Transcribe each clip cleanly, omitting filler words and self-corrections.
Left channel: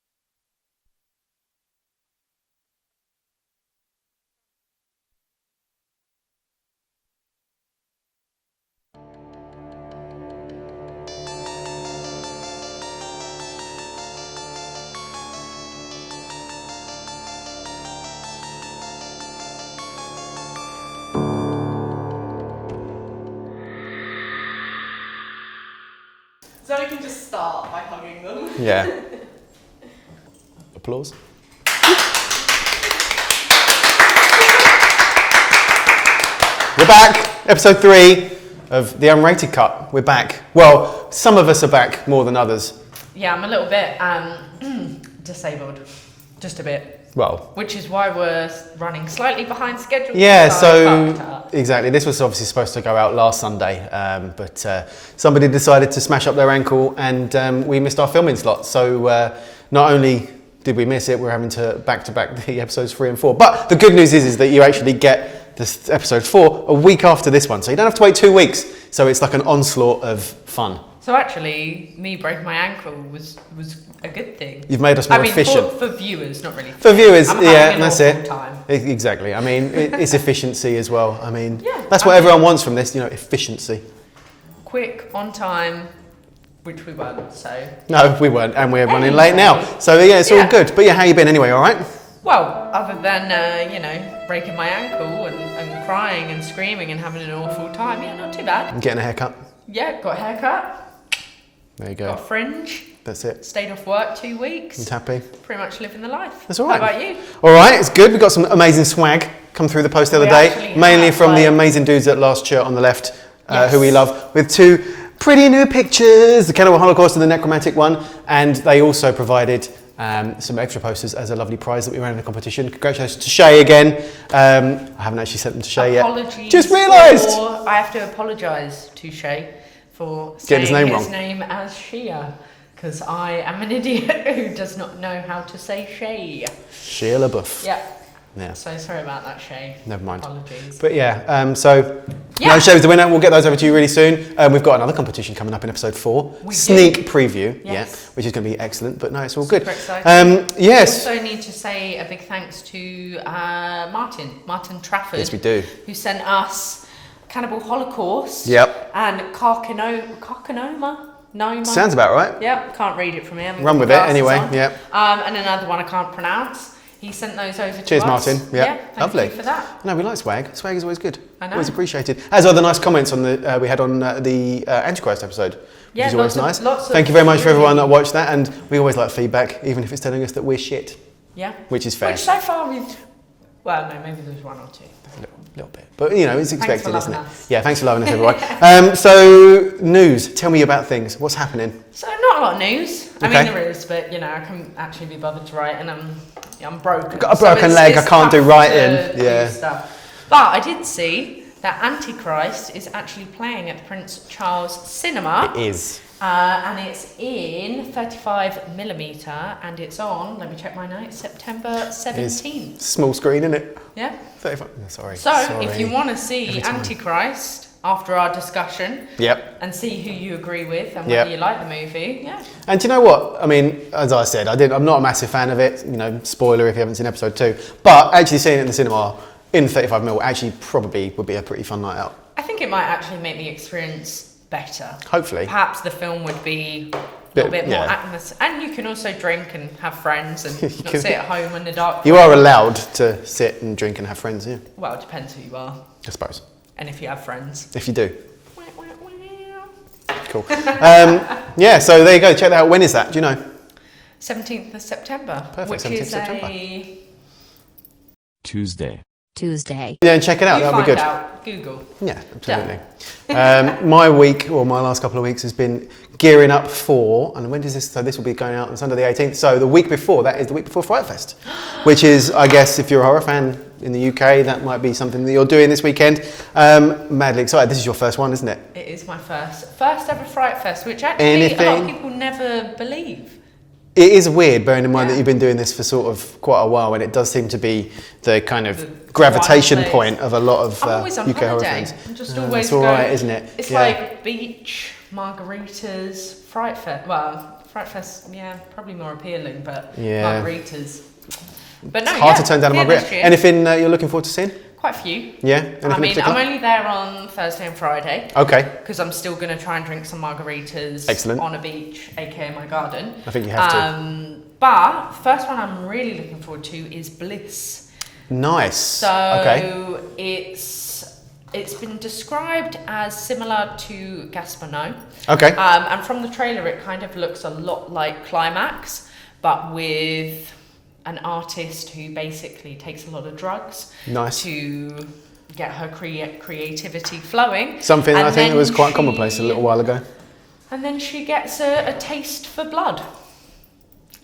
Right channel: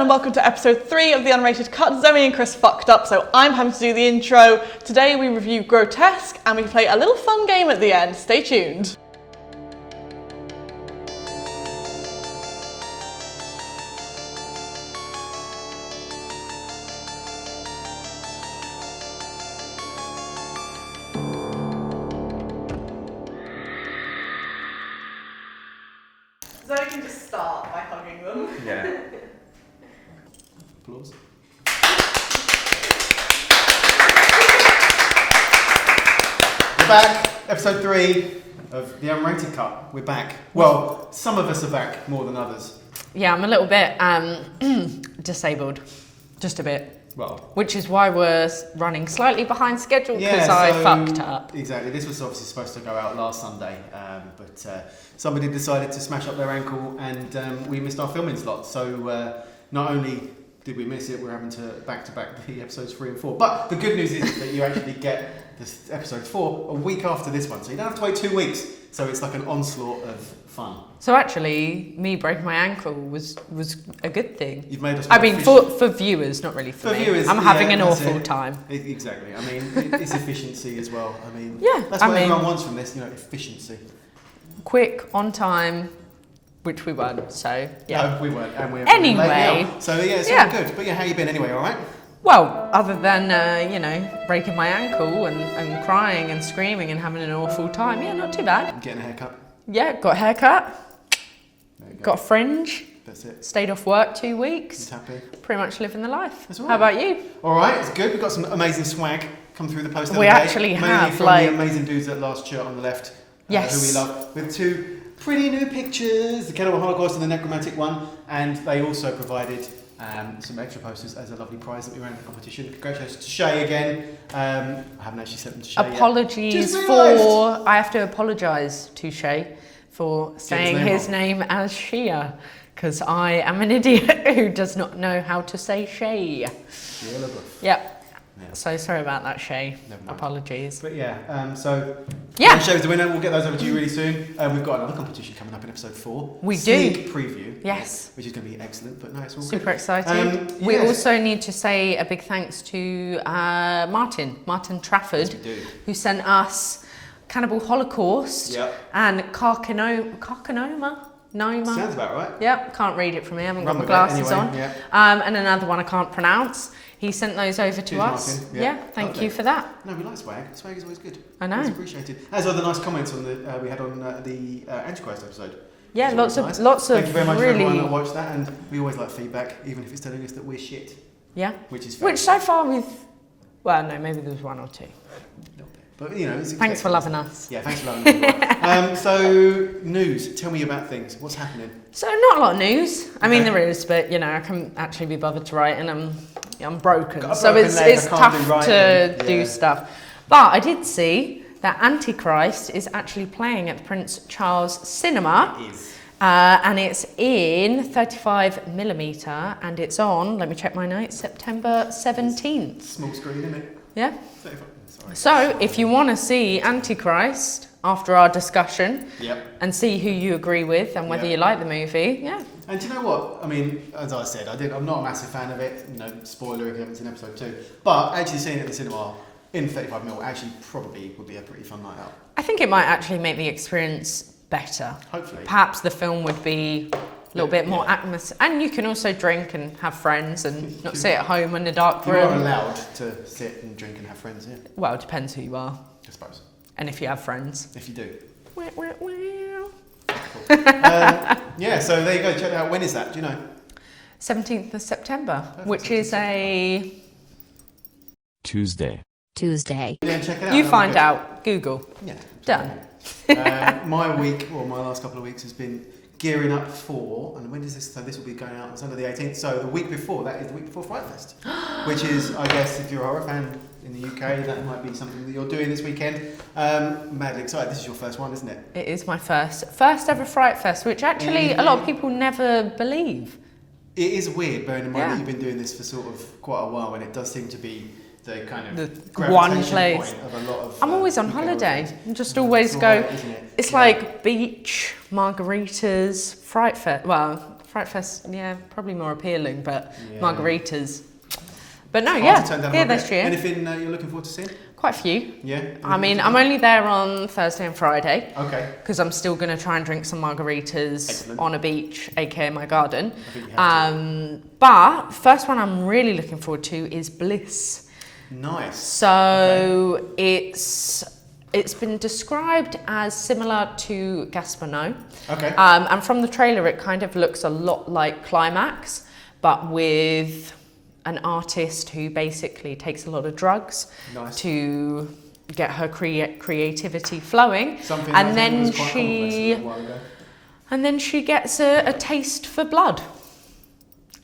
and welcome to episode 3 of the Unrated Cut. Zoe and Chris fucked up, so I'm having to do the intro. Today we review Grotesque and we play a little fun game at the end. Stay tuned. Zoe can just start by hugging them. Yeah. Applause. We're back. Episode 3 of the Unrated Cut. We're back. Well, some of us are back more than others. Yeah, I'm a little bit disabled. Just a bit. Well, which is why we're running slightly behind schedule. Yeah, so I fucked up. Exactly. This was obviously supposed to go out last Sunday, but somebody decided to smash up their ankle, and we missed our filming slot. So not only did we miss it, we're having to back-to-back the episodes 3 and 4. But the good news is that you actually get this episode 4 a week after this one, so you don't have to wait 2 weeks. So it's like an onslaught of fun. So actually, me breaking my ankle was a good thing. You've made us more efficient. For viewers, not really. For viewers, I'm yeah, having an that's awful it. time. Exactly. I mean, it's efficiency as well. I mean, yeah, that's what everyone wants from this, you know, efficiency. Quick, on time, which we weren't, so. No, we weren't, and we're running late now. So yeah, it's all good. But yeah, how you been anyway, all right? Well, other than, breaking my ankle and crying and screaming and having an awful time, yeah, not too bad. And getting a haircut. Yeah, got a haircut. There you go. Got a fringe. That's it. Stayed off work 2 weeks. And happy. Pretty much living the life. That's all right. How about you? All right, it's good. We've got some amazing swag come through the post the other day. Mainly from the amazing dudes at Last Shirt on the left, who we love, with 2 pretty new pictures, the Cannibal Holocaust and the Necromantic one. And they also provided some extra posters as a lovely prize that we ran in the competition. Congratulations to Shay again. I haven't actually sent them to Shay yet. Apologies. Just realised. I have to apologise to Shay for saying his name as Shia, because I am an idiot who does not know how to say Shay. Shia LaBeouf. Yep. Yeah. So sorry about that, Shay. Never mind. Apologies. But yeah, Shay's the winner. We'll get those over to you really soon. We've got another competition coming up in episode 4. Sneak preview. Yes. Yeah, which is going to be excellent. But no, it's all good. Super exciting. Yes. We also need to say a big thanks to Martin Trafford. Yes, we do. Who sent us Cannibal Holocaust. Yep. And Carcinoma. Noma. Sounds about right. Yep, can't read it from here. Run with it anyway. Yeah. And another one I can't pronounce. He sent those over to us. Cheers, Martin. Yep. Yeah, thank you for that. No, we like swag. Swag is always good. I know. Always appreciated. As are the nice comments on the we had on the Antichrist episode. Yeah, which is always nice. Lots of Thank you very much for everyone that watched that, and we always like feedback, even if it's telling us that we're shit. Yeah. Which is fair. Which so far we've. Well, no, maybe there's 1 or 2. A little bit. But, you know, it's expected, Thanks for loving isn't it? us. Yeah, thanks for loving us, everyone. So, news. Tell me about things. What's happening? So, not a lot of news. Okay. I mean, there is, but, I can't actually be bothered to write, and I'm broken. Got a broken leg, I can't do writing. Do stuff. But I did see that Antichrist is actually playing at the Prince Charles Cinema. It is. And it's in 35mm, and it's on, let me check my notes, September 17th. Small screen, isn't it? Yeah. 35. Sorry. So, if you want to see Antichrist after our discussion, and see who you agree with and whether you like the movie, And do you know what? I mean, as I said, I'm not a massive fan of it. You know, spoiler if you haven't seen episode 2. But actually seeing it in the cinema in 35mm actually probably would be a pretty fun night out. I think it might actually make the experience better. Hopefully. Perhaps the film would be a little bit more atmosphere. And you can also drink and have friends and not sit at home in the dark. You are allowed to sit and drink and have friends, yeah? Well, it depends who you are. I suppose. And if you have friends. If you do. Cool. So there you go. Check that out. When is that? Do you know? 17th of September. Perfect. Which is a... Tuesday. Yeah, and check it out. You That'll be find good. out. Google. Yeah, absolutely. My week, or my last couple of weeks, has been gearing up for, and when does this, so this will be going out on Sunday the 18th, so the week before, that is the week before FrightFest, which is, I guess, if you're a horror fan in the UK, that might be something that you're doing this weekend. Madly excited. This is your first one, isn't it? It is my first ever FrightFest, which actually a lot of people never believe. It is weird, bearing in mind that you've been doing this for sort of quite a while, and it does seem to be the kind of gravitation point of a lot of I'm always on UK horror holiday. fans. I'm just always it's all going. right, isn't it? It's like beach, margaritas, FrightFest. Well, FrightFest, yeah, probably more appealing, but Yeah. margaritas. But no, Hard to turn down a good margarita. this year. Anything you're looking forward to seeing? Quite a few. Yeah? I Anything mean, I'm particular? only there on Thursday and Friday. Okay. Because I'm still going to try and drink some margaritas Excellent. on a beach, aka my garden. I think you have to. But first one I'm really looking forward to is Bliss. Nice. So it's been described as similar to Gaspano. Okay. And from the trailer, it kind of looks a lot like Climax, but with an artist who basically takes a lot of drugs Nice. to get her creativity flowing. Something And I think then was quite she- commonplace a little while ago. And then she gets a taste for blood.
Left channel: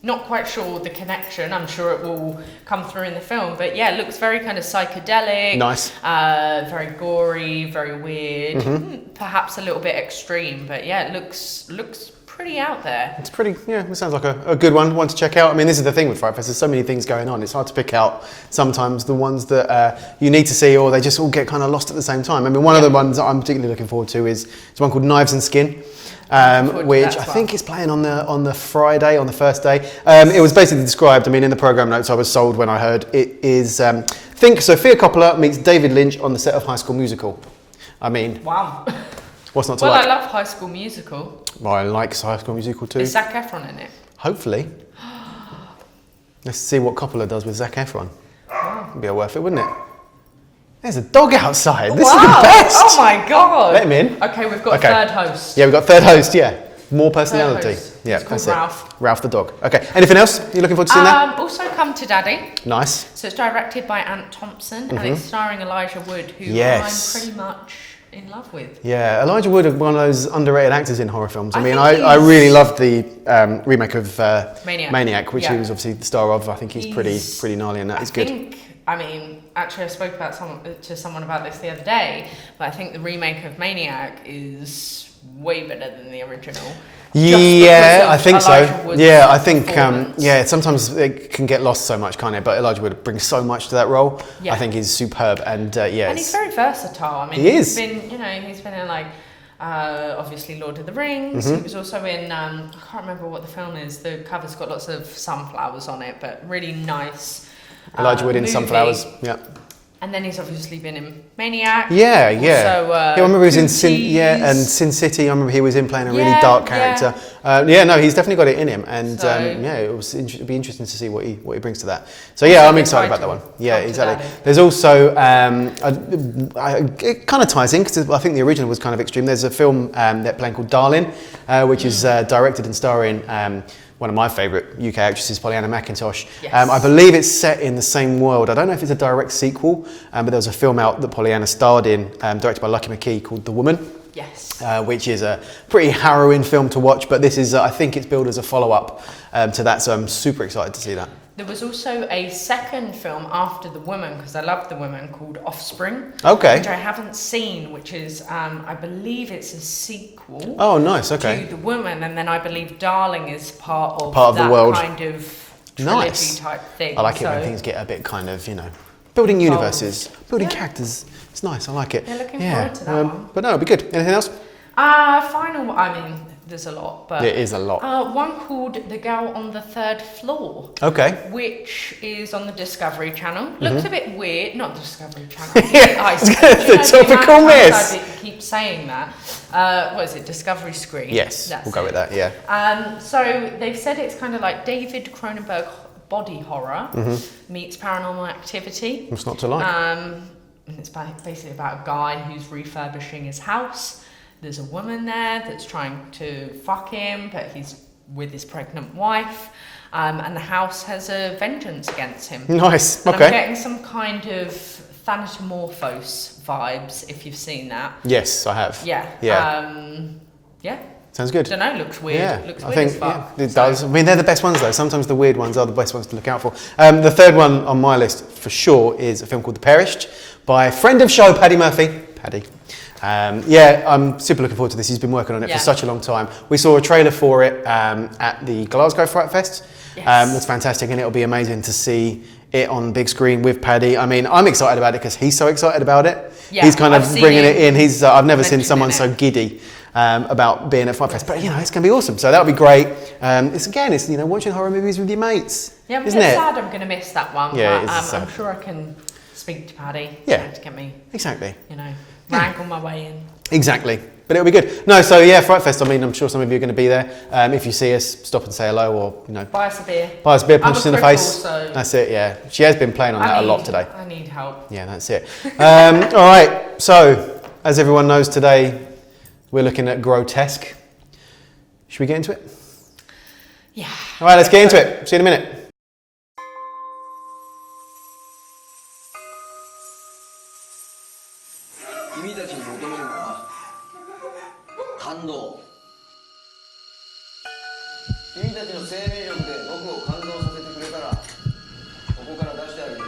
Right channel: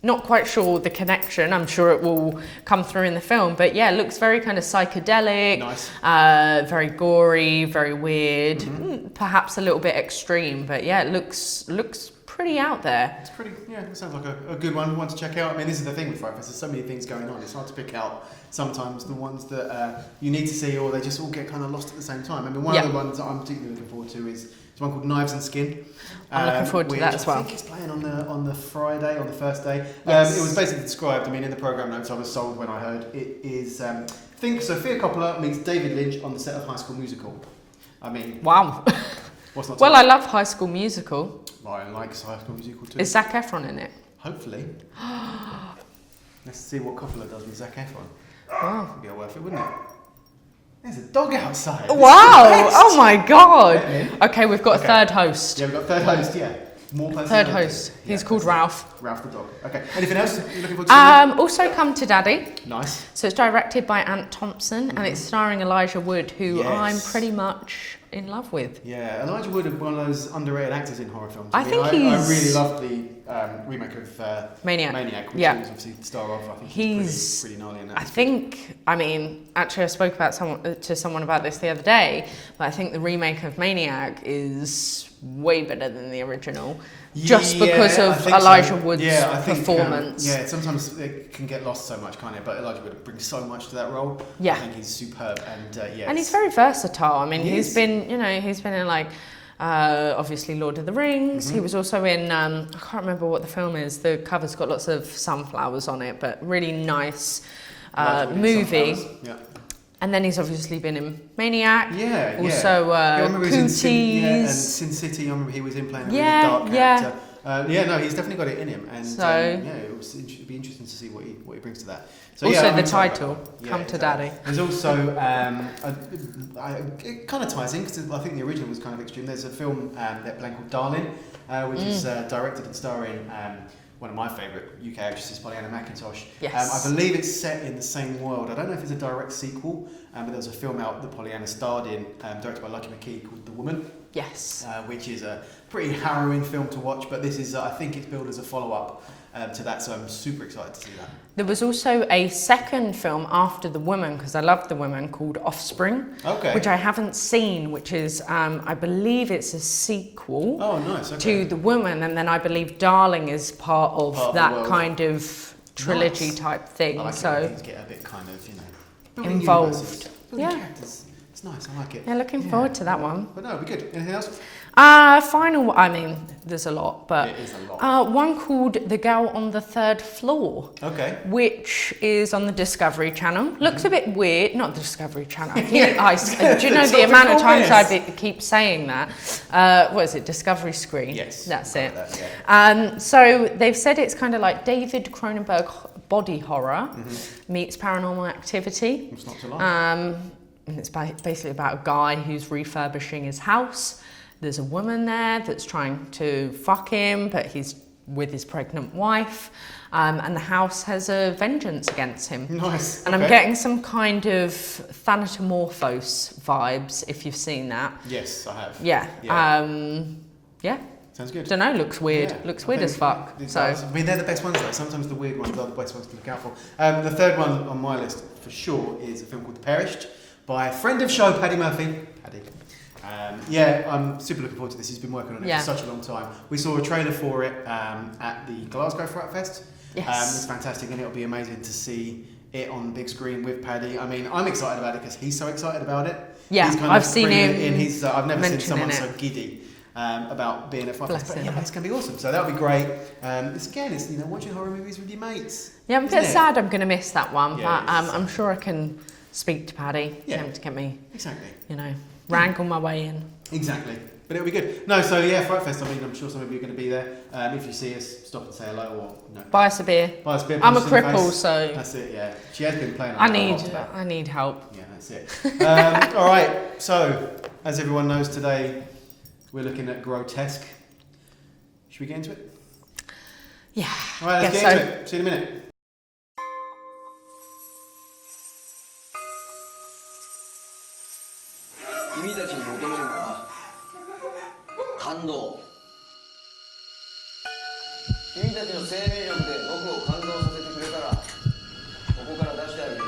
Not quite sure the connection. I'm sure it will come through in the film, but yeah, it looks very kind of psychedelic. Nice. Very gory, very weird. Perhaps a little bit extreme, but yeah, it looks pretty out there. It's pretty, yeah, it sounds like a good one to check out. I mean, this is the thing with FrightFest, there's so many things going on. It's hard to pick out sometimes the ones that you need to see, or they just all get kind of lost at the same time. I mean, one of the ones that I'm particularly looking forward to is one called Knives and Skin. Which I think is playing on the Friday, on the first day. It was basically described, I mean, in the programme notes I was sold when I heard it is, think Sophia Coppola meets David Lynch on the set of High School Musical. I mean, Wow. what's not to Well, like? I love High School Musical. Well, I like High School Musical too. Is Zac Efron in it? Hopefully. Let's see what Coppola does with Zac Efron. It'd be worth it, wouldn't it? There's a dog outside. This is the best. Oh my god! Let him in. Okay, we've got a third host. Yeah, we've got third host, yeah. More personality. host. Yeah, He's called that's it. Ralph. Ralph the dog. Okay. Anything else you're looking forward to seeing that? Also, Come to Daddy. Nice. So it's directed by Ant Thompson and it's starring Elijah Wood, who Yes. I'm pretty much in love with. Yeah, Elijah Wood is one of those underrated actors in horror films. I mean, think I really he's- loved the remake of Maniac. which Yeah. he was obviously the star of. I think he's pretty gnarly in that. It's good. I mean, actually, I spoke about someone about this the other day, but I think the remake of Maniac is way better than the original. Yeah, I think Elijah so. Wood's Yeah, I think performance. sometimes it can get lost so much, can't it? But Elijah Wood brings so much to that role. Yeah. I think he's superb, and yeah, And he's very versatile. I mean, He he's is. been in like, obviously Lord of the Rings. He was also in, I can't remember what the film is. The cover's got lots of sunflowers on it, but really nice. Elijah Wood in movie. Sunflowers. Yeah. And then he's obviously been in Maniac. Yeah. Also, I remember he was in Cooties. Sin City. I remember he was in playing a really Yeah, dark yeah. character. No, he's definitely got it in him, and So- it'd be interesting to see what he brings to that. So Also yeah, I'm the excited about that title, one. Yeah, Come to exactly. Daddy. There's also it kind of ties in because I think the original was kind of extreme. There's a film they're playing called Darling, which is directed and starring. One of my favourite UK actresses, Pollyanna McIntosh. Yes. I believe it's set in the same world. I don't know if it's a direct sequel, but there was a film out that Pollyanna starred in, directed by Lucky McKee, called The Woman, Yes. which is a pretty harrowing film to watch, but this is, I think it's billed as a follow-up to that, so I'm super excited to see that. There was also a second film after The Woman, because I love The Woman, called Offspring. Okay. Which I haven't seen, which is, I believe it's a sequel Oh, nice, okay. to The Woman, and then I believe Darling is part of Part of the that world. kind of trilogy Nice. type thing. I like it when things get a bit kind of, building Involved. universes, building Yeah. characters. It's nice, I like it. Yeah, looking forward to that one. But no, it'll be good. Anything else? Final, I mean, there's a lot, but... It is a lot. One called The Girl on the Third Floor. Okay. Which is on the Discovery Channel. Looks a bit weird, not the Discovery Channel. Yeah. I do you know the amount Topical of times miss. I keep saying that? What is it, Discovery Screen? Yes, That's we'll go it. with that, yeah. So they've said it's kind of like David Cronenberg body horror meets Paranormal Activity. What's not to like? And it's basically about a guy who's refurbishing his house. There's a woman there that's trying to fuck him, but he's with his pregnant wife. And the house has a vengeance against him. Nice, And okay. I'm getting some kind of Thanatomorphos vibes, if you've seen that. Yes, I have. Yeah. Yeah. Yeah. Sounds good. Don't know, looks weird. Yeah, Looks I weird think as fuck. yeah, it So- does. I mean, they're the best ones though. Sometimes the weird ones are the best ones to look out for. The third one on my list for sure is a film called The Perished by friend of show Paddy Murphy. Paddy. I'm super looking forward to this. He's been working on it Yeah. for such a long time. We saw a trailer for it at the Glasgow FrightFest. Yes. That's fantastic, and it'll be amazing to see it on big screen with Paddy. I mean, I'm excited about it because he's so excited about it. Yeah, he's kind I've of seen bringing him it in. I've never seen mention someone it. so giddy about being at FrightFest. But you know, it's going to be awesome. So that'll be great. It's you know, watching horror movies with your mates. Yeah, I'm a bit sad I'm going to miss that one. Yeah, but I'm sure I can speak to Paddy. Yeah. To get me. Exactly. You know, wrangle my way in. Exactly. But it'll be good. No, so yeah, FrightFest, I mean, I'm sure some of you are going to be there. If you see us, stop and say hello or, you know. Buy us a beer. Buy us a beer, punch us in the face. So that's it, yeah. She has been playing on that a lot today. I need help. Yeah, that's it. All right, so as everyone knows today, we're looking at Grotesque. Should we get into it? Yeah. All right, let's get into it. See you in a minute. 君たちに求めるのは感動。君たちの生命力で僕を感動させてくれたら、ここから出してあげる。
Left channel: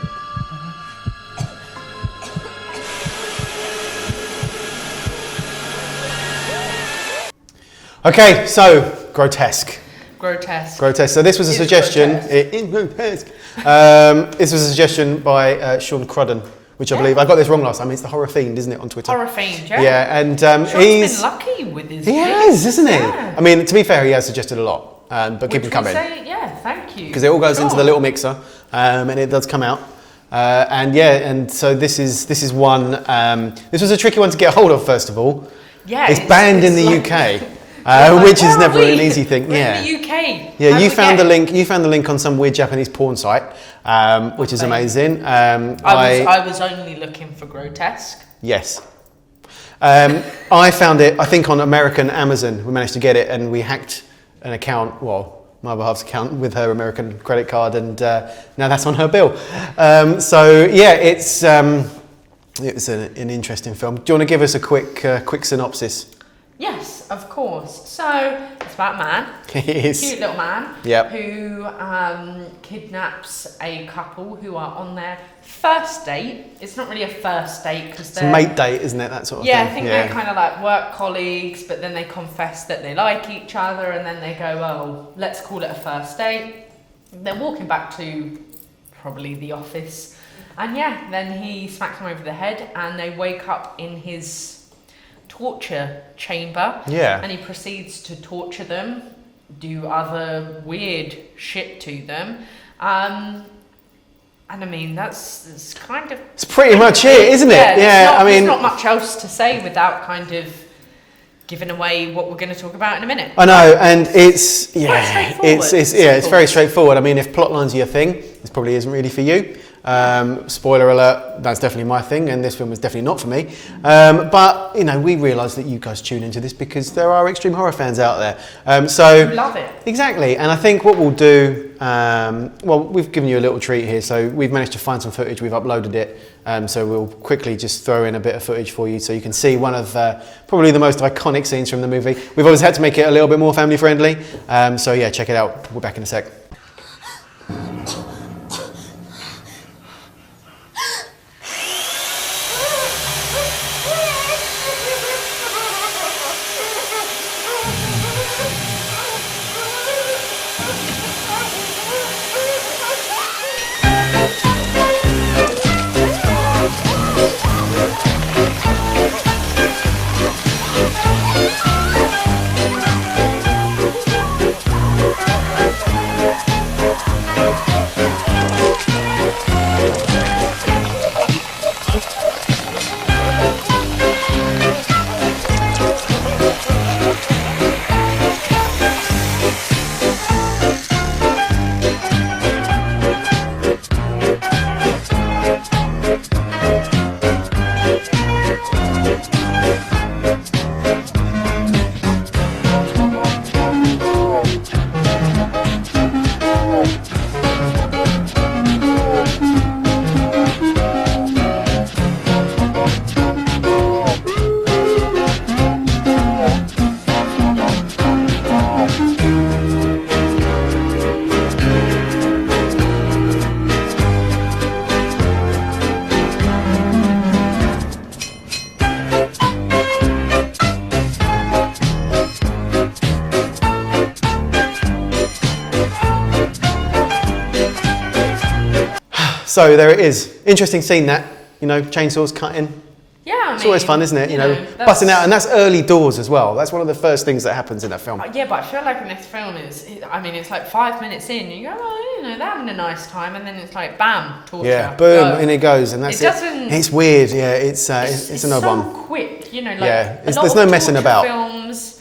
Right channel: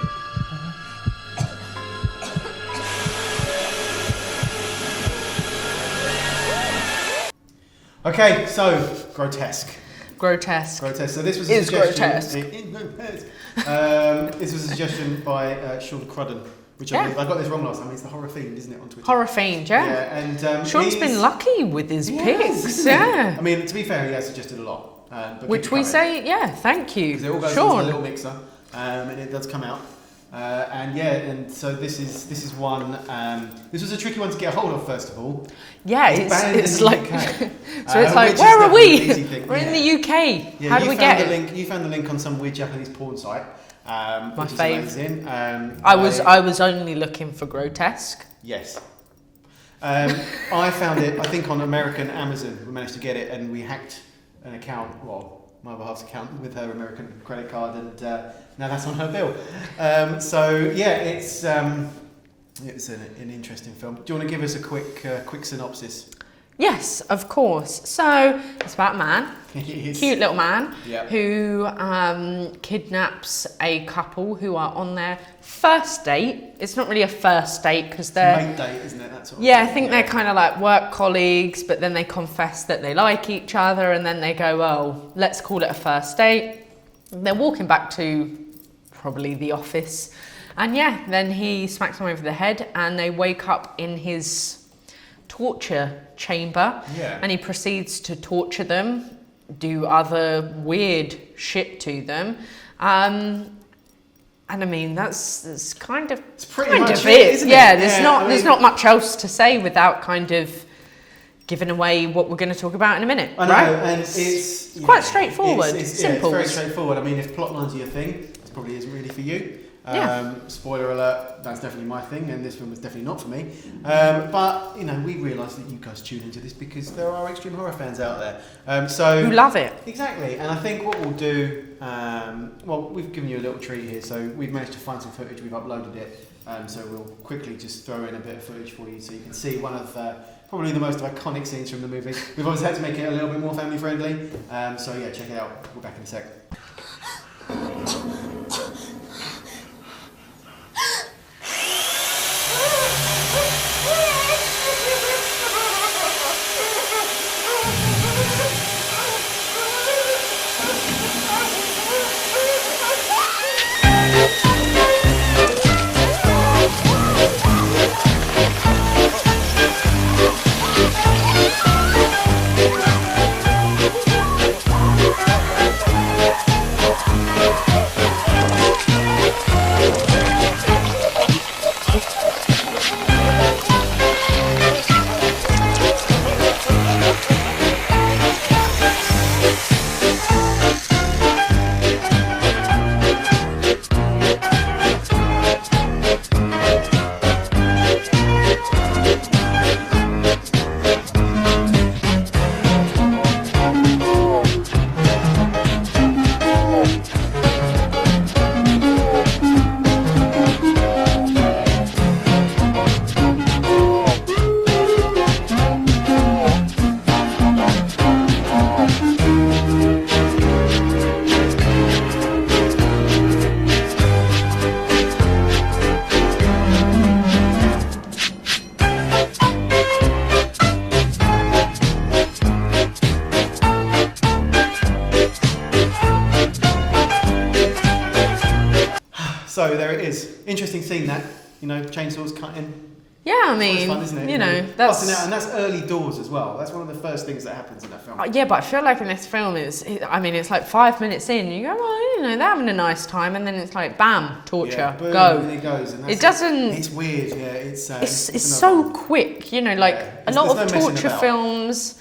Okay, so Grotesque. Grotesque. Grotesque. So this was a suggestion. Grotesque. This was a suggestion by Sean Crudden, which I believe I got this wrong last time. It's the Horror Fiend, isn't it, on Twitter? Horror Fiend, yeah. Yeah, and Sean's he's been lucky with his he picks. has, isn't he? Yeah. I mean, to be fair, he has suggested a lot, but keep Which it coming. we say, yeah, thank you. Because it all goes Sure. into the little mixer, and it does come out. And yeah, and so this is one. This was a tricky one to get hold of. First of all, Yeah, it's banned in the like, UK, like, which is where are never we? an easy thing. We're Yeah, in the UK. yeah. How do You we found get the it? link. You found the link on some weird Japanese porn site, which is fave. amazing. I was only looking for Grotesque. Yes. I found it, I think, on American Amazon. We managed to get it, and we hacked an account. Well, my other half's account with her American credit card, and now that's on her bill. So yeah, it's an interesting film. Do you want to give us a quick synopsis? Yes, of course. So it's about a man, It is. cute little man, Yep. who kidnaps a couple who are on their first date. It's not really a first date because It's a they're mate date, isn't it? That sort of yeah, thing. I think they're kind of like work colleagues, but then they confess that they like each other, and then they go, well, let's call it a first date. They're walking back to probably the office, and yeah, then he smacks them over the head, and they wake up in his torture chamber. Yeah. And he proceeds to torture them, do other weird shit to them. And I mean, that's kind of... It's pretty much it, isn't it? Yeah, I mean, there's not much else to say without kind of giving away what we're going to talk about in a minute. I know, and it's quite straightforward. it's very straightforward. I mean, if plot lines are your thing, this probably isn't really for you. Spoiler alert, that's definitely my thing, and this film was definitely not for me. But you know, we realise that you guys tune into this because there are extreme horror fans out there. So Who love it. Exactly, and I think what we'll do, well, we've given you a little treat here, so we've managed to find some footage, we've uploaded it, so we'll quickly just throw in a bit of footage for you so you can see one of probably the most iconic scenes from the movie. We've always had to make it a little bit more family friendly, so yeah, check it out. We're back in a sec. So there it is. Interesting scene that, you know, chainsaws cutting. Yeah, I mean, it's always fun, isn't it? You know, busting out, and that's early doors as well. That's one of the first things that happens in that film. Yeah, but I feel like in this film, it's like 5 minutes in, you go, oh, you know, they're having a nice time, and then it's like, bam, torture. Yeah, boom, go. and it goes, and that's it. It's weird, yeah. It's an odd so one. quick, you know, like a lot there's of no messing torture about. films,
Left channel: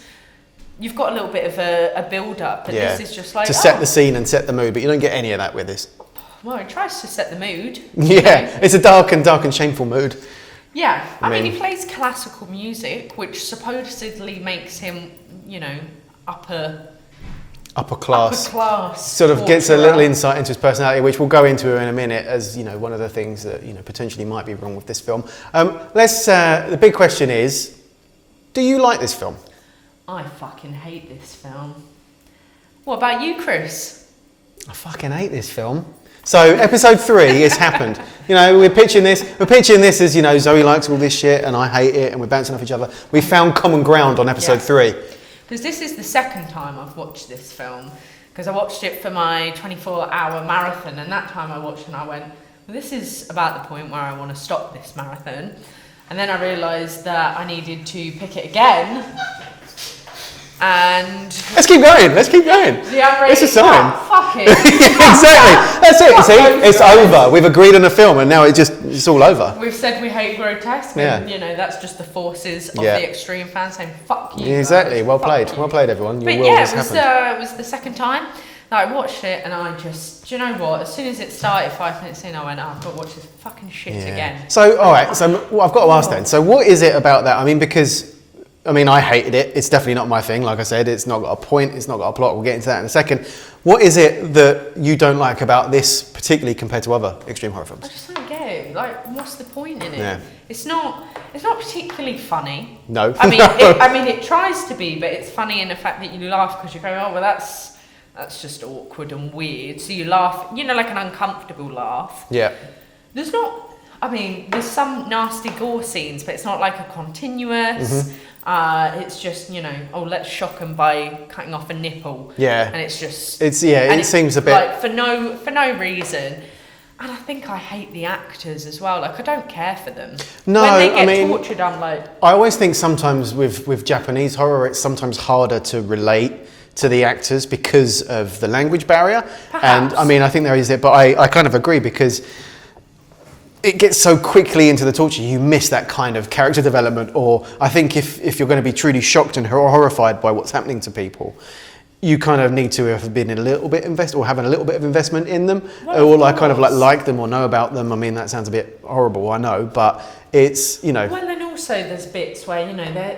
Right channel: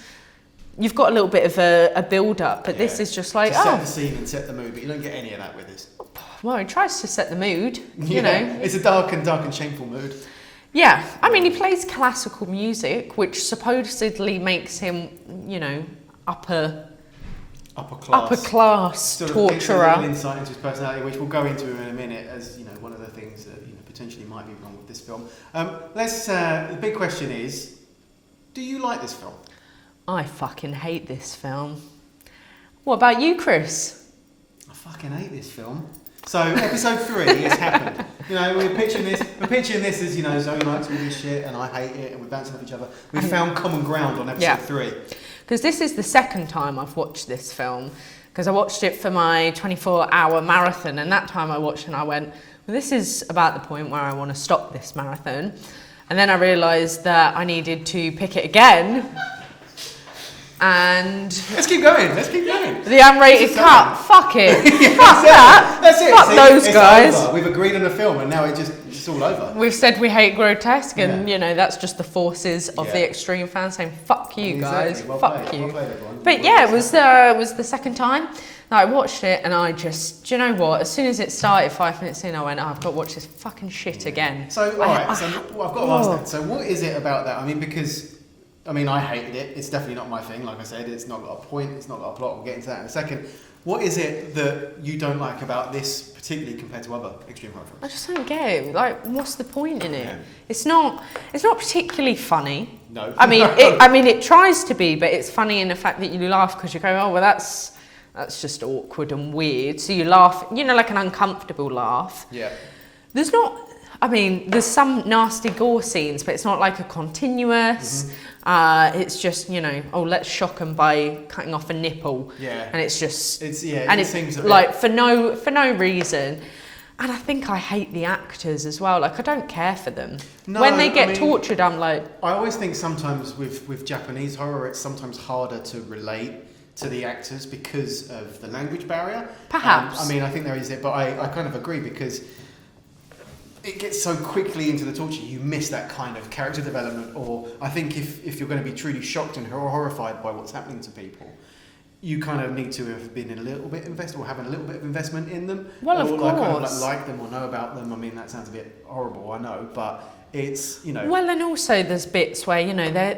you've got a little bit of a build-up, but this is just like to set the scene and set the mood, but you don't get any of that with this. Well, it tries to set the mood. Yeah, you know? it's a dark and shameful mood. Yeah, I mean, he plays classical music, which supposedly makes him, you know, upper class. Sort of gets a little insight into his personality, which we'll go into in a minute, as you know, one of the things that potentially might be wrong with this film. The big question is, do you like this film? I fucking hate this film. What about you, Chris? I fucking hate this film. So episode 3 has happened. We're pitching this as, Zoe likes all this shit and I hate it and we're bouncing off each other. We found common ground on episode 3. Because this is the second time I've watched this film. Because I watched it for my 24-hour marathon, and that time I watched it and I went, well, this is about the point where I want to stop this marathon. And then I realised that I needed to pick it again. And let's keep going. The unrated cut. Fuck it. Yeah, exactly. That's it. It's over. We've agreed on a film, and now it's all over. We've said we hate Grotesque, and that's just the forces of the extreme fans saying "fuck you." Exactly. Guys. Well Fuck played. you. Well played, everyone. But it was the second time that I watched it, and I just, do you know what? As soon as it started, 5 minutes in, I went, I've got to watch this fucking shit again. So, all right. So, I've got to ask then. So, what is it about that? I mean, I hated it. It's definitely not my thing. Like I said, it's not got a point. It's not got a plot. We'll get into that in a second. What is it that you don't like about this, particularly compared to other extreme horror films? I just don't get it. Like, what's the point in it? Yeah. It's not particularly funny. No. I mean, it tries to be, but it's funny in the fact that you laugh because you go, oh, well, that's just awkward and weird. So you laugh, like an uncomfortable laugh. Yeah. There's some nasty gore scenes, but it's not like a continuous. Mm-hmm. It's just, let's shock them by cutting off a nipple. Yeah. And it's just... it seems a bit... like, for no reason. And I think I hate the actors as well. Like, I don't care for them. No, when they get tortured, I'm like... I always think sometimes with Japanese horror, it's sometimes harder to relate to the actors because of the language barrier. Perhaps. And, I think there is it, but I kind of agree because... it gets so quickly into the torture, you miss that kind of character development. Or I think if you're going to be truly shocked and horrified by what's happening to people, you kind of need to have been a little bit invested or having a little bit of investment in them, or like them or know about them. I mean, that sounds a bit horrible, I know, but it's Well, and also there's bits where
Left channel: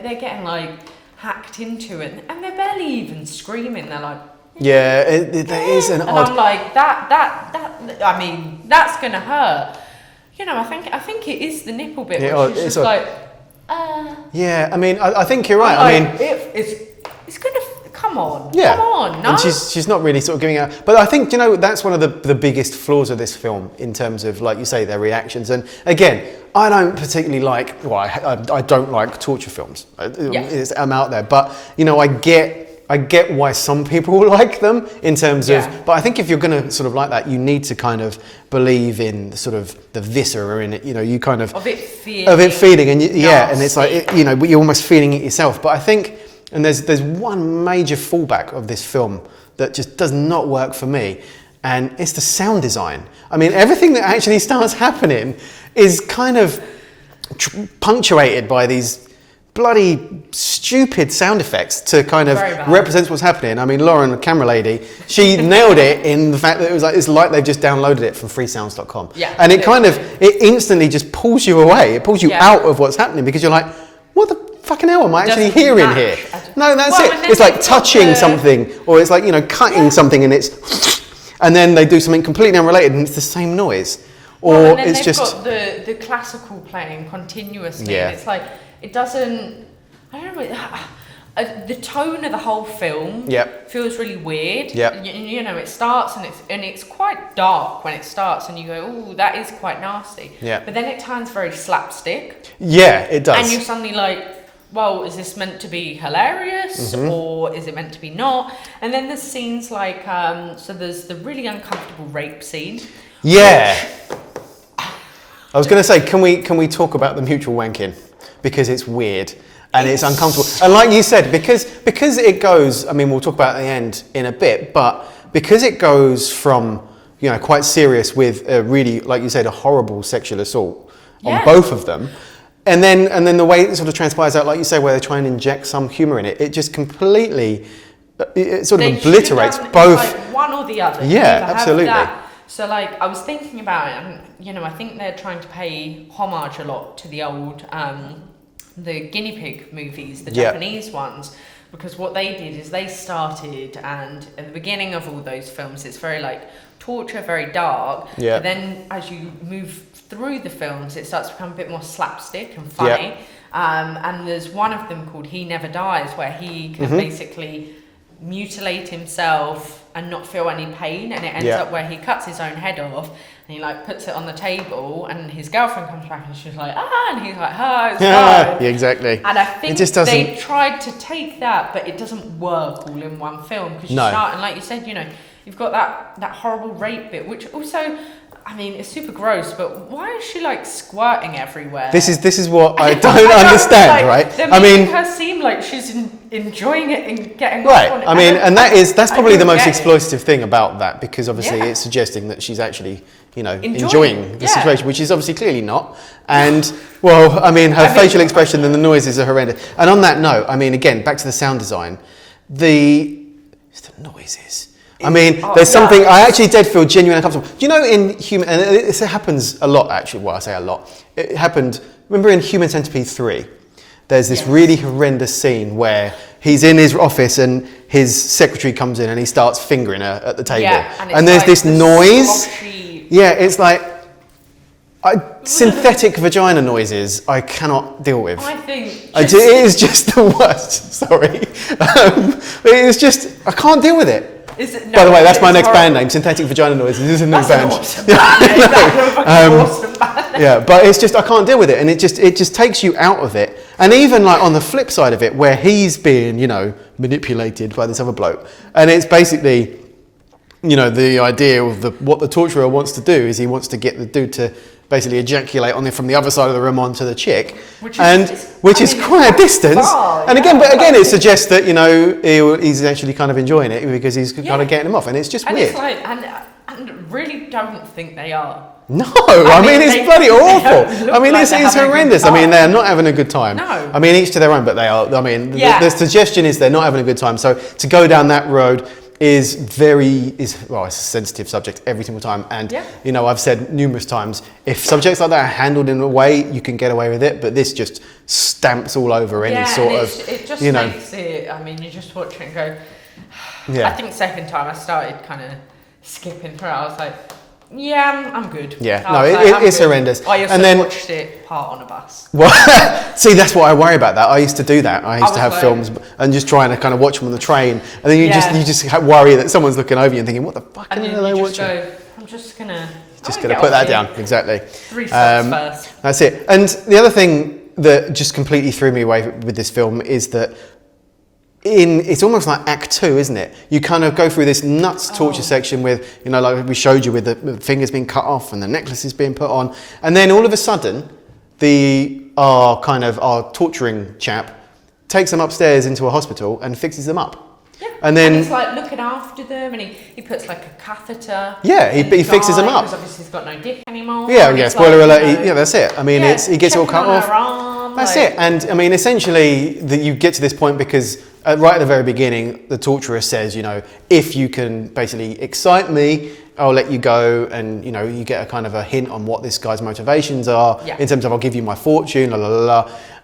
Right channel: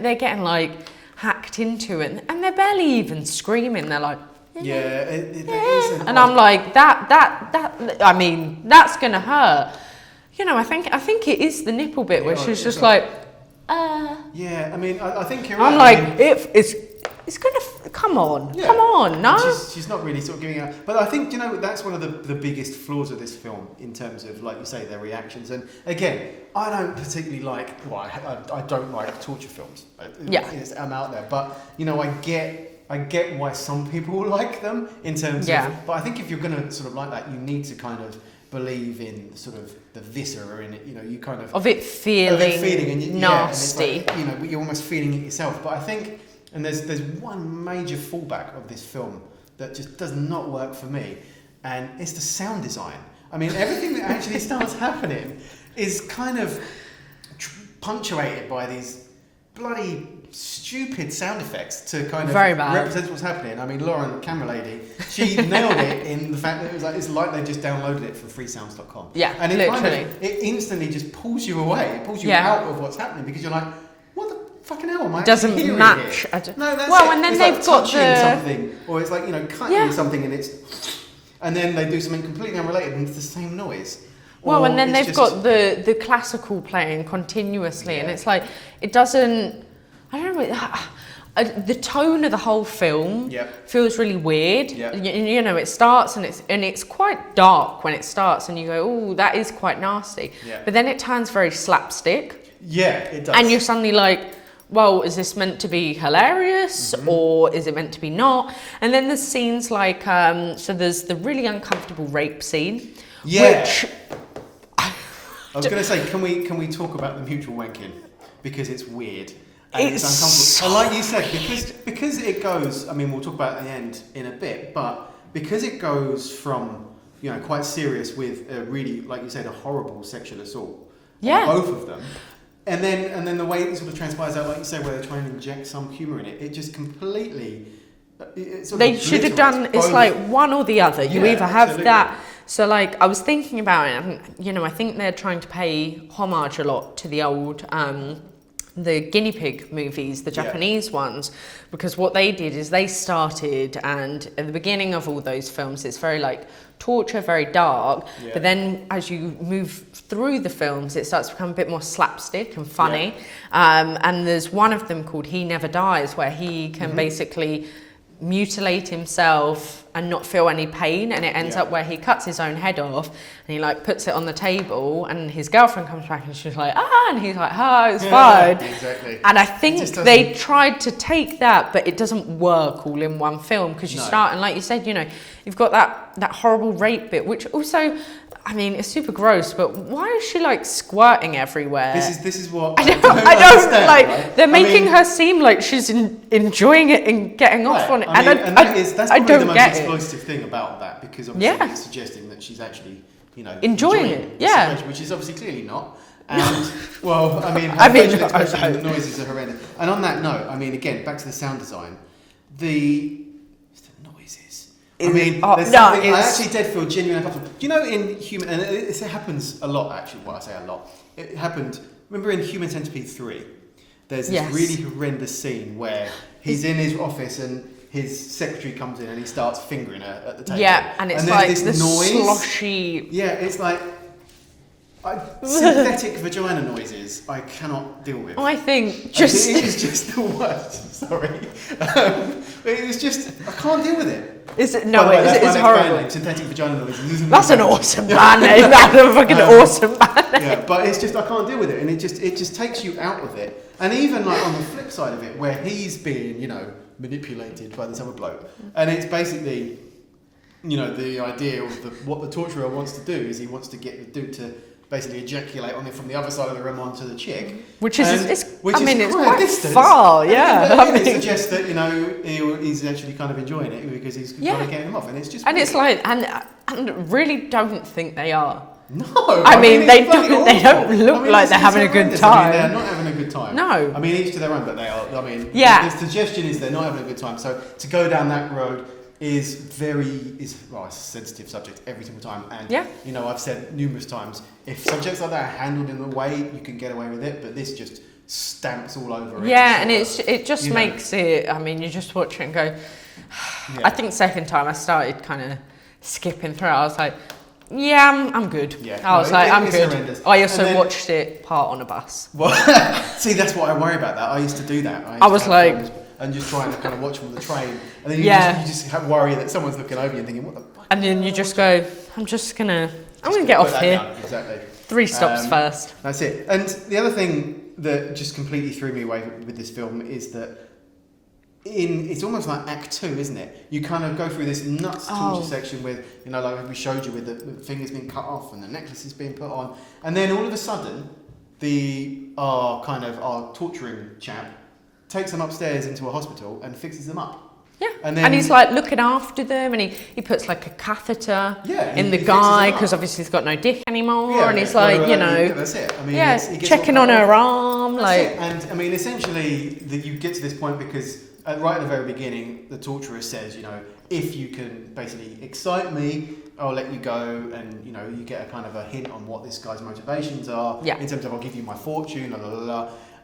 they're getting like hacked into it, and they're barely even screaming. They're like. Yeah, it is an. And I'm like that. I mean, that's gonna hurt. I think it is the nipple bit, which is just like. Yeah, I think you're right. It's gonna come on. Yeah. Come on, no. And she's not really sort of giving out. But I think that's one of the biggest flaws of this film in terms of, like you say, their reactions. And again, I don't particularly like. Well, I don't like torture films. I'm out there, but I get why some people like them in terms of, but I think if you're going to sort of like that, you need to kind of believe in sort of the viscera in it. You kind of of it feeling, and and it's like you're almost feeling it yourself. But I think, and there's one major fallback of this film that just does not work for me, and it's the sound design. I mean, everything that actually starts happening is kind of punctuated by these bloody stupid sound effects to kind of represent what's happening. I mean, Lauren, the camera lady, she nailed it in the fact that it's like they've just downloaded it from freesounds.com. Yeah, and it instantly just pulls you away. It pulls you out of what's happening because you're like, what the fucking hell am I actually hearing here? No, that's it. It's like touching something, or it's like, cutting something and then they do something completely unrelated and it's the same noise. And then they've got the classical playing continuously, and it's like, it doesn't, I don't know, the tone of the whole film feels really weird. It starts and it's quite dark when it starts, and you go, oh, that is quite nasty. But then it turns very slapstick. Yeah, it does. And you're suddenly like, well, is this meant to be hilarious or is it meant to be not? And then there's scenes like, so there's the really uncomfortable rape scene. Yeah. I was going to say, can we talk about the mutual wanking? Because it's weird and it's uncomfortable. And like you said, because it goes, I mean, we'll talk about it at the end in a bit, but because it goes from, you know, quite serious with a really, like you said, a horrible sexual assault on both of them. And then the way it sort of transpires out, like you say, where they try and inject some humour in it, it just completely, it sort of obliterates both. It's like one or the other. Yeah, you either absolutely. Have that. So like, I was thinking about it, and you know, I think they're trying to pay homage a lot to the old, the guinea pig movies, the Japanese ones, because what they did is they started, and at the beginning of all those films, it's very like torture, very dark. Yeah. But then as you move through the films, it starts to become a bit more slapstick and funny. And there's one of them called He Never Dies, where he can basically mutilate himself and not feel any pain, and it ends up where he cuts his own head off and he like puts it on the table, and his girlfriend comes back and she's like, and he's like, it's fine. Yeah, exactly. And I think just they tried to take that, but it doesn't work all in one film, because you start, and like you said, you know, you've got that horrible rape bit, which also, I mean, it's super gross, but why is she like squirting everywhere? This is what I don't understand, like, right? They're making her seem like she's enjoying it and getting off on it. I mean, and that's probably the most exploitative it. thing about that, because obviously it's suggesting that she's actually, you know, enjoying the yeah. situation, which is obviously clearly not. And well, I mean, her facial expression and the noises are horrendous. And on that note, I mean, again, back to the sound design, the noises. I mean, there's something, I actually did feel genuinely uncomfortable. Do you know in Human, and it happens a lot actually, well I say a lot, it happened, remember in Human Centipede 3, there's this really horrendous scene where he's in his office and his secretary comes in and he starts fingering her at the table. Yeah, and there's like this noise. Sloshy. Yeah, it's like, synthetic vagina noises I cannot deal with. I think it is just the worst, sorry. It's just, I can't deal with it. By the way, that's my next band name, Synthetic Vagina Noises. This is a new That's band. an awesome band name. That's a fucking awesome band name. Yeah, but it's just, I can't deal with it, and it just takes you out of it. And even like on the flip side of it, where he's being, you know, manipulated by this other bloke, and it's basically, you know, the idea of what the torturer wants to do is he wants to get the dude to basically ejaculate on from the other side of the room onto the chick, which is quite a distance. Far, and again, it suggests that, you know, he's actually kind of enjoying it because he's kind of getting him off, and it's just weird. It's like, and really don't think they are. No, I mean it's bloody awful. I mean, like it's horrendous. I mean, they're not having a good time. No. I mean, each to their own, but they are. I mean, the suggestion is they're not having a good time. So to go down that road is it's a sensitive subject every single time. And, you know, I've said numerous times, if subjects like that are handled in a way, you can get away with it, but this just stamps all over any sort of... it just makes it, I mean, you just watch it and go... I think second time I started kind of skipping through it, I was like, I'm good. Yeah, no, it's horrendous. I also watched it part on a bus. Well, see, that's what I worry about. That I used to do that. I used to have films and just trying to kind of watch them on the train, and then you just worry that someone's looking over you and thinking, "What the fuck?" And then you just go, "I'm just gonna put that down." Exactly. 3 steps first. That's it. And the other thing that just completely threw me away with this film is that. It's almost like Act 2, isn't it? You kind of go through this nuts torture section with, you know, like we showed you with the fingers being cut off and the necklaces being put on, and then all of a sudden, our torturing chap takes them upstairs into a hospital and fixes them up. Yeah. And he's like looking after them, and he puts like a catheter. Yeah, he fixes them up because obviously he's got no dick anymore. Yeah. Spoiler alert. That's it. I mean, he gets all cut on off. Her arm. That's it. And I mean, essentially, you get to this point because. Right at the very beginning, the torturer says, you know, if you can basically excite me, I'll let you go, and you know, you get a kind of a hint on what this guy's motivations are in terms of I'll give you my fortune,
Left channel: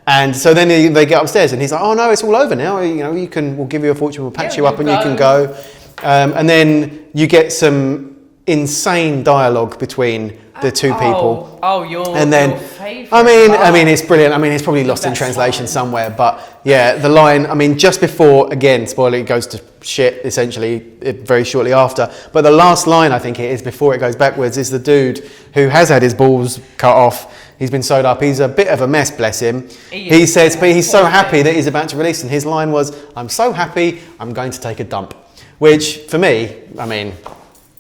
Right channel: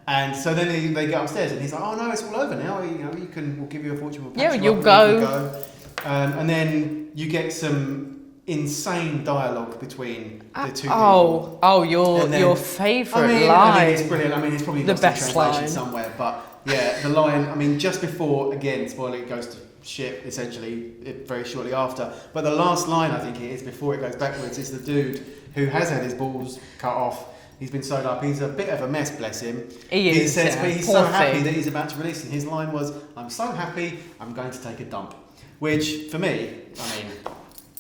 And so then they get upstairs, and he's like, oh no, it's all over now. You know, we'll give you a fortune, we'll patch you up, and you can go. And then you get some insane dialogue between the two people. Your favourite. I mean, it's brilliant. I mean, it's probably lost in translation somewhere, but yeah, the line. I mean, just before, again, spoiler, it goes to shit essentially very shortly after. But the last line, I think it is before it goes backwards, is the dude who has had his balls cut off. He's been sewed up. He's a bit of a mess, bless him. He says, but he's so happy that he's about to release, and his line was, "I'm so happy, I'm going to take a dump," which for me, I mean.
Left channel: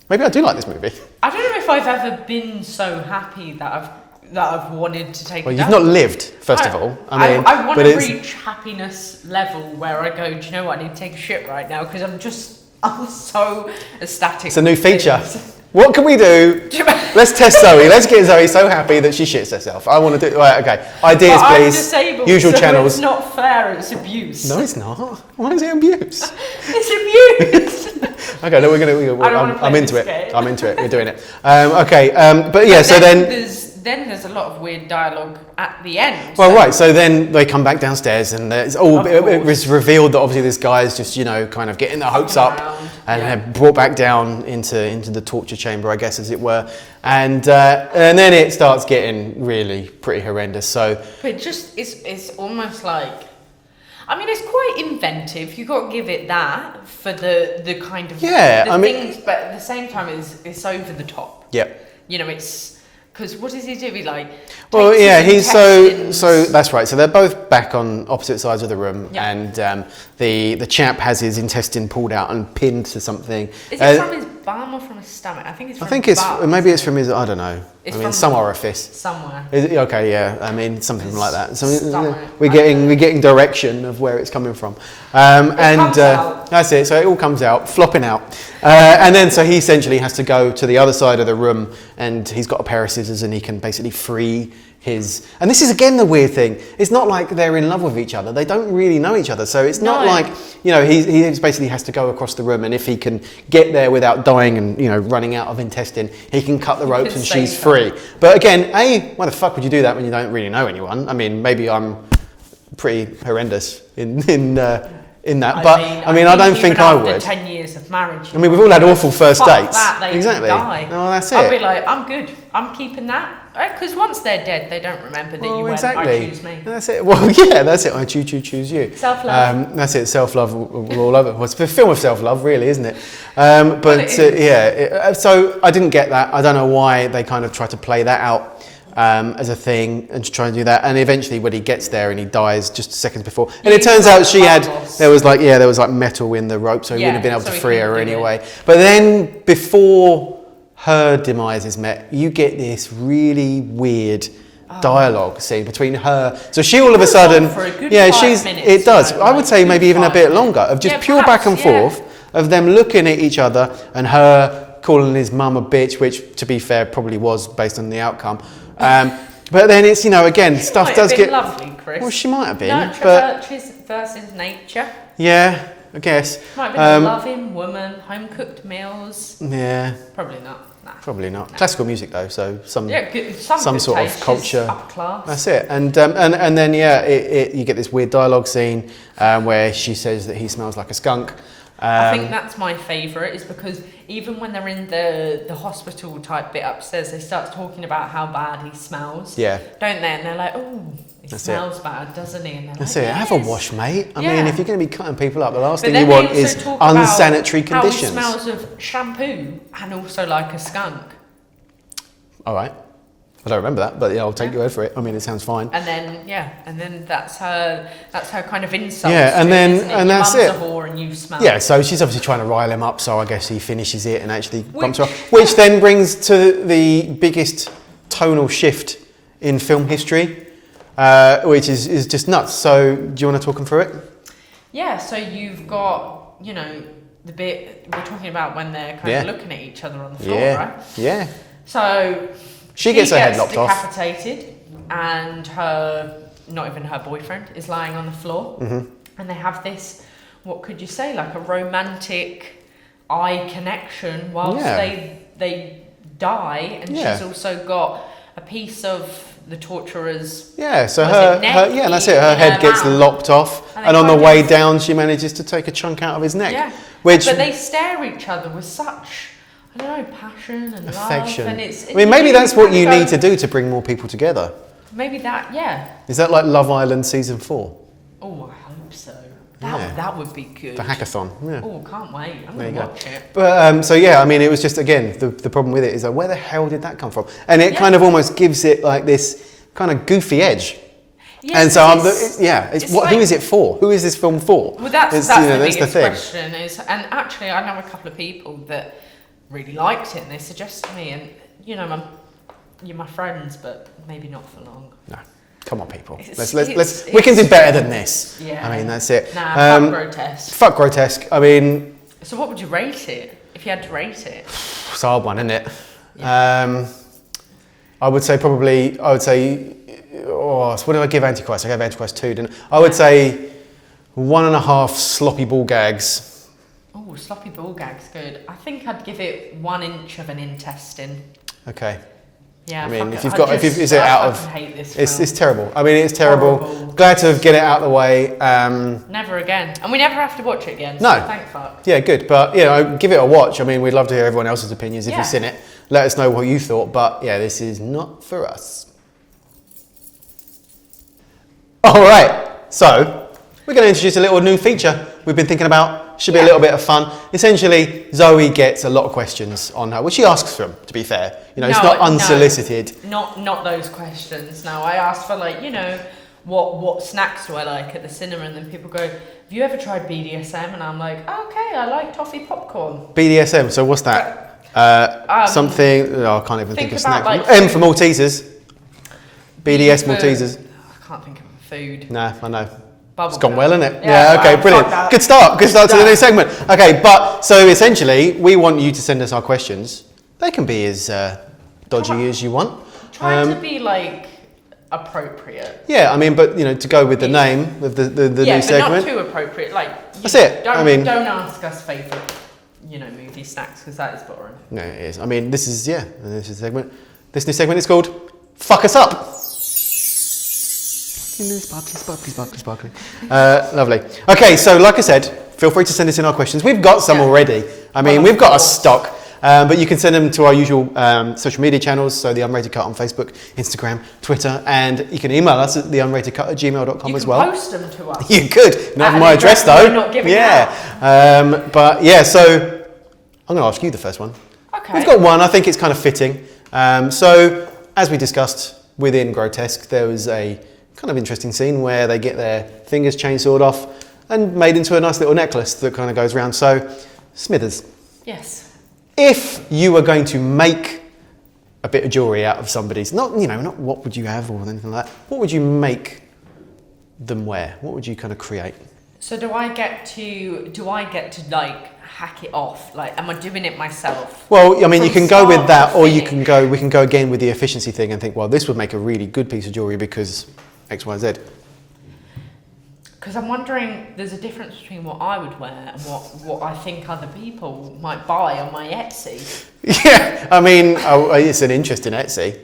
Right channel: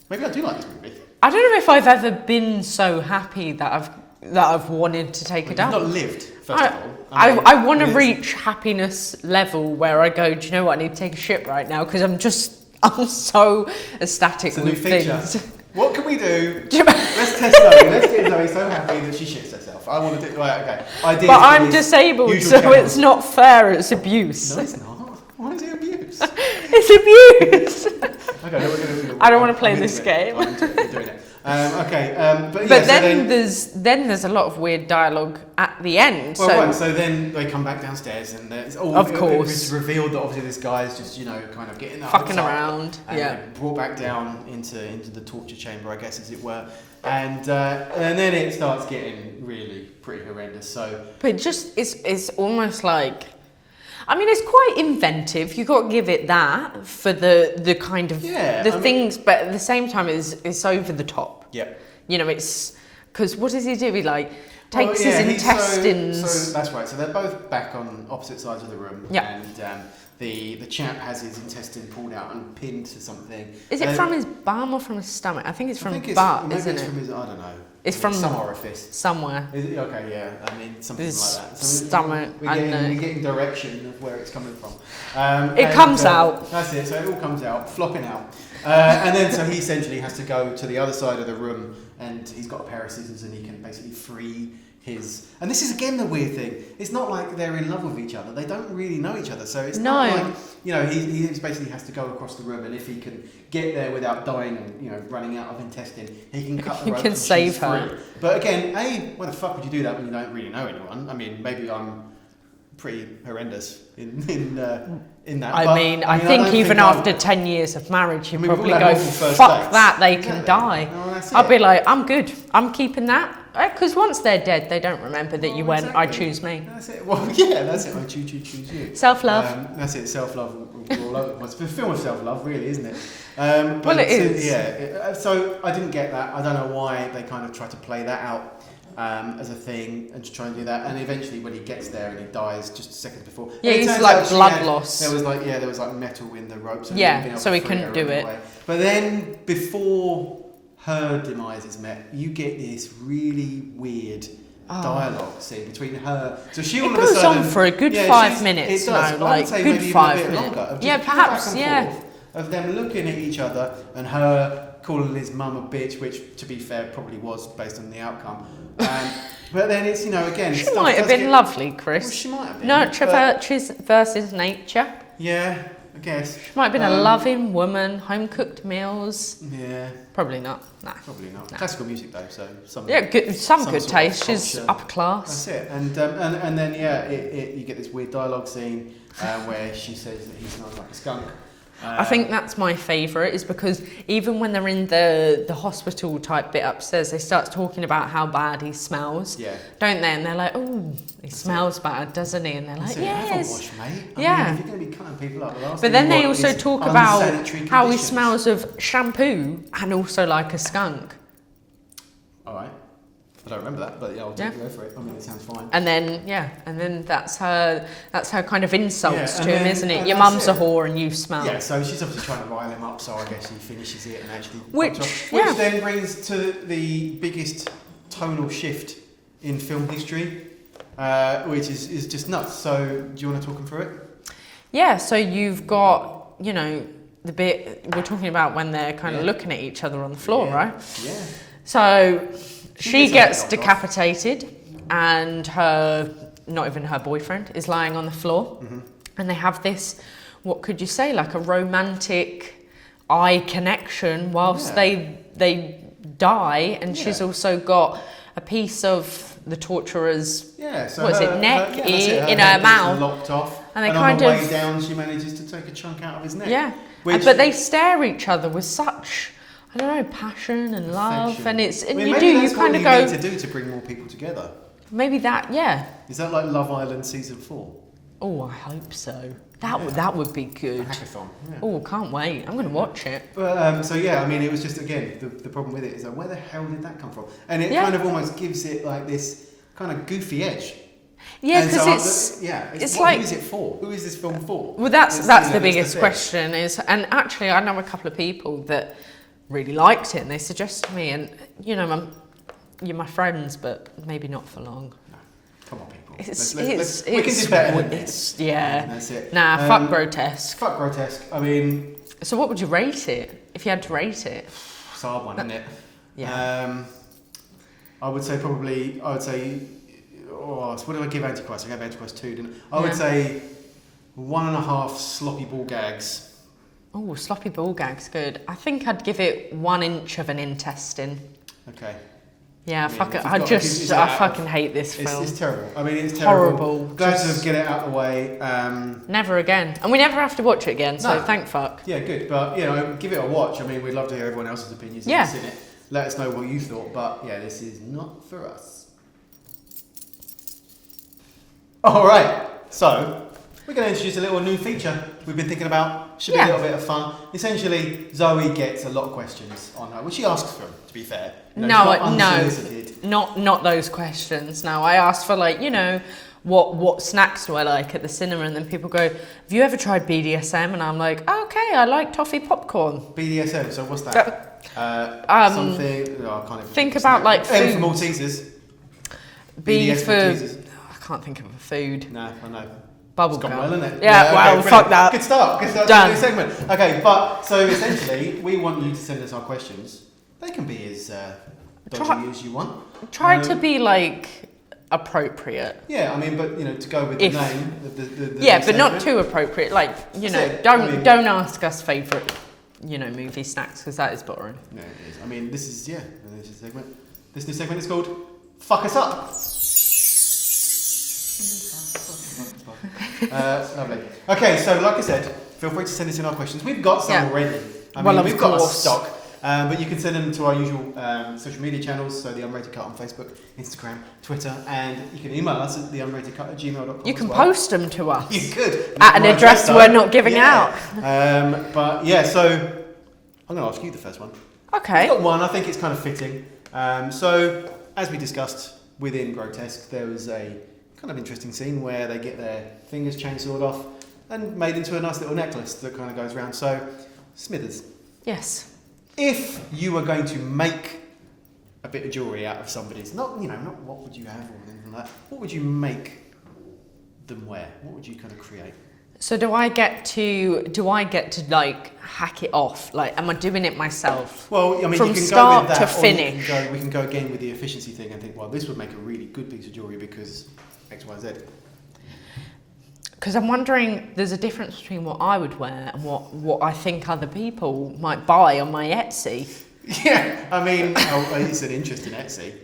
Maybe I do like this movie. I don't know if I've ever been so happy that I've that I've wanted to take Well, it you've down. not lived, first of all. I want but to it's- reach happiness level where I go, do you know what, I need to take a shit right now because I'm so ecstatic. It's a new with feature. things. What can we do? Let's test Zoe. Let's get Zoe so happy that she shits herself. I want to do. Right, okay. Ideas, But I'm please. disabled, Usual so channels. it's not fair. It's abuse. No, it's not. Why is it abuse? It's abuse. Okay, no, we're gonna. I don't want to play I'm into this it. game. I'm into it. We're doing it. Okay, but yeah. But So then. there's a lot of weird dialogue at the end. Well, so- right. So then they come back downstairs, and it's all. Of It course. was revealed that obviously this guy is just, kind of getting their hopes Fucking up, around, and yeah. they're brought back down into the torture chamber, I guess, as it were, and then it starts getting really pretty horrendous. So. But it just it's almost like, I mean, it's quite inventive. You got to give it that for the kind of things, but at the same time, it's over the top. Yeah. It's because what does he do? He like. Well, takes yeah, his he's so intestines- that's right. So they're both back on opposite sides of the room, Yeah. and the chap has his intestine pulled out and pinned to something. Is it from his bum or from his stomach? I think it's from. I think his it's butt, maybe it's isn't from his. I don't know. It's I mean, from some orifice. it? Somewhere. Is it, okay, yeah. I mean, something His like that. So stomach, we're I don't know. getting direction of where it's coming from. And comes out. That's it. So it all comes out, flopping out, and then so he essentially has to go to the other side of the room, and he's got a pair of scissors, and he can basically free his. And this is again the weird thing. It's not like they're in love with each other. They don't really know each other. So it's not No. like he just basically has to go across the room, and if he can get there without dying and running out of intestine, he can cut the He ropes can and she's save her. free. But again, why the fuck would you do that when you don't really know anyone? I mean, maybe I'm pretty horrendous in that, but I don't think even I after would. 10 years of marriage, I mean, we've all had awful first fuck dates. That they Exactly. die. No, that's I'd it. be like, I'm good. I'm keeping that. Because once they're dead, they don't remember that you went, I choose me. That's it. Well, yeah, that's it. I choose you. Self-love. That's it. Self-love all over. Well, it's a film of self-love, really, isn't it? But Well, it is. so I didn't get that. I don't know why they kind of try to play that out as a thing and to try and do that. And eventually, when he gets there and he dies just seconds before, and it He's turns like out blood loss. there was like metal in the rope, so he wouldn't have been able so to he free her couldn't do it. anyway. But then before her demise is met, you get this really weird dialogue scene between her. So she all of a goes sudden, on for a good 5 minutes, it does. though, I would like, say good maybe even a 5 bit minutes. longer of just Yeah, pure back and perhaps, yeah. forth of them looking at each other and her calling his mum a bitch, which to be fair probably was based on the outcome. But then it's again She stuff might does have been get. lovely, Chris. Well, she might have been. Nurture but versus nature. yeah, I guess. Might have been a loving woman, home cooked meals. Yeah, Probably not. Nah. probably not. Classical music though, so some. Yeah, good, some good sort of taste. culture. She's upper class. That's it, and then you get this weird dialogue scene where she says that he smells like a skunk. I think that's my favourite, is because even when they're in the hospital type bit upstairs, they start talking about how bad he smells. Yeah. Don't they? And they're like, oh, he That's smells bad, doesn't he? And they're That's like, it. Have a "Yes." wash, mate. I Yeah. mean, if you're going to be cutting people up, the last But thing then you they want also is talk unsanitary about conditions. how he smells of shampoo and also like a skunk. All right. I don't remember that, but yeah, I'll take your word for it. I mean, it sounds fine. And then that's her kind of insult. Yeah, and to then- him, isn't it? and Your that's mum's it. a whore and you smell. Yeah, so she's obviously trying to rile him up, so I guess he finishes it and actually bumps her Which- off. Which yeah. then brings to the biggest tonal shift in film history, which is just nuts. So do you want to talk him through it? Yeah, so you've got, the bit we're talking about when they're kind Yeah. of looking at each other on the floor, yeah. right? Yeah. So She gets her head lopped off. decapitated, and not even her boyfriend, is lying on the floor. Mm-hmm. And they have this, what could you say, like a romantic eye connection whilst Yeah. they die, and Yeah. she's also got a piece of the torturer's. Yeah, so Was her, it neck yeah, that's it. Her in head her gets mouth? lopped off, And and they on kind the way of- down, she manages to take a chunk out of his neck. Yeah, Which but they stare at each other with such, I don't know, passion and affection. love, and it's. I mean, maybe that's what you need to do. do to bring more people together. Maybe that, yeah. Is that like Love Island season 4? Oh, I hope so. Yeah. That would be good. The hackathon. Yeah. Oh, can't wait. I'm going you to go. watch it. But so yeah, I mean, it was just again the problem with it is like, where the hell did that come from? And it Yeah. kind of almost gives it like this kind of goofy edge. Yeah, and so it's who like- is it for? Who is this film for? Well, that's It's, the that's biggest thing. question. And actually, I know a couple of people that really liked it, and they suggested to me, and you're my friends, but maybe not for long. No. Come on, people. We It's can do better than this. Yeah. I mean, that's it. Nah, fuck Grotesque. Fuck Grotesque. I mean... So what would you rate it, if you had to rate it? It's a hard one, isn't it? Yeah. I would say, oh, so what did I give Antichrist? I gave Antichrist 2, didn't I? I would say 1.5 sloppy ball gags. Oh, sloppy ball gag's good. I think I'd give it 1 inch of an intestine. Okay. Yeah, I mean, fuck if it. you've I got, just, if you, I fucking hate this film. It's terrible. I mean, it's terrible. Horrible. Glad to get it out of the way. Never again. And we never have to watch it again, so No. thank fuck. Yeah, good. But, you know, give it a watch. I mean, we'd love to hear everyone else's opinions if Yeah. you've seen it. Let us know what you thought. But, yeah, this is not for us. All right. So, we're going to introduce a little new feature we've been thinking about. Should be a little bit of fun. Essentially, Zoe gets a lot of questions on her, which she asks them, to be fair. You know, it's not unsolicited. No, not those questions. No, I asked for, like, you know, what snacks do I like at the cinema, and then people go, have you ever tried BDSM? And I'm like, oh, okay, I like toffee popcorn. BDSM, so what's that? Something, I can't even think of about, snack. like, M for Maltesers. BDS for- Maltesers. I can't think of a food. No, I know. Bubble It's gone gum. well, isn't it? Yeah, okay, well, brilliant. fuck that. Good start to the Done. new segment. Okay, but so essentially, we want you to send us our questions. They can be as dodgy as you want. Try to be, like, appropriate. Yeah, I mean, but you know, to go with the If- name of the Yeah, new but segment. not too appropriate. Like, you That's know, it. Don't ask us favourite, you know, movie snacks, because that is boring. No, it is. I mean, this is this is a segment. This new segment is called "Fuck Us Up." Sparkly. Lovely. Okay, so like I said, feel free to send us in our questions. We've got some already. I mean, Well, we've of got a course. stock. But you can send them to our usual social media channels, so the Unrated Cut on Facebook, Instagram, Twitter, and you can email us at theunratedcut@gmail.com You as can well. post them to us. You could. Not At an my address address though. we're not giving But yeah, so I'm going to ask you the first one. Okay. We've got one. I think it's kind of fitting. So as we discussed within Grotesque, there was a kind of interesting scene where they get their fingers chainsawed off and made into a nice little necklace that kind of goes around. So Smithers, Yes. if you were going to make a bit of jewellery out of somebody's, not what would you have or anything like that, what would you make them wear? What would you kind of create? So do I get to like hack it off? Like, am I doing it myself? Well, I mean, you From can go with start that, to or we finish. can go again with the efficiency thing and think, well, this would make a really good piece of jewellery because X, Y, Z. Because I'm wondering, there's a difference between what I would wear and what I think other people might buy on my Etsy. Yeah, I mean, it's an interest in Etsy.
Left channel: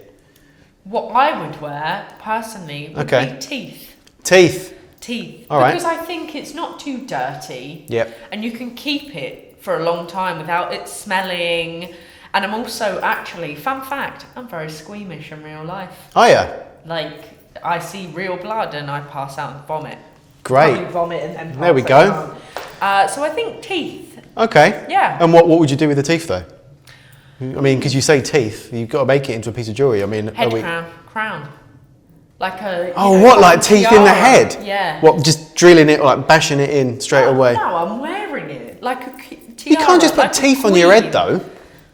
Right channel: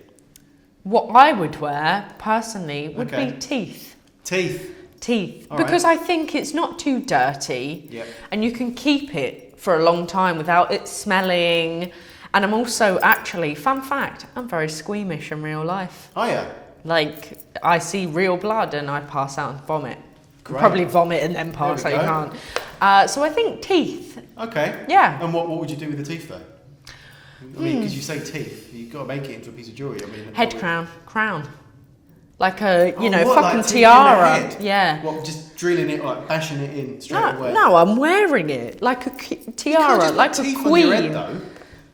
What I would wear, personally, would Okay. be teeth. Teeth. Teeth. All right. Because I think it's not too dirty. Yep. And you can keep it for a long time without it smelling. And I'm also, actually, fun fact, I'm very squeamish in real life. Oh yeah, Like, I see real blood and I pass out and vomit. Great. Probably vomit and then pass There we out go. and can't. So I think teeth. okay. Yeah. And what would you do with the teeth though? I mean, because you say teeth, you've got to make it into a piece of jewellery. I mean, Head crown. Like a, like teeth in the head? Yeah. What, just drilling it or like bashing it in straight away? No, I'm wearing it. Like a tiara. You can't just put like a teeth on your head queen. though.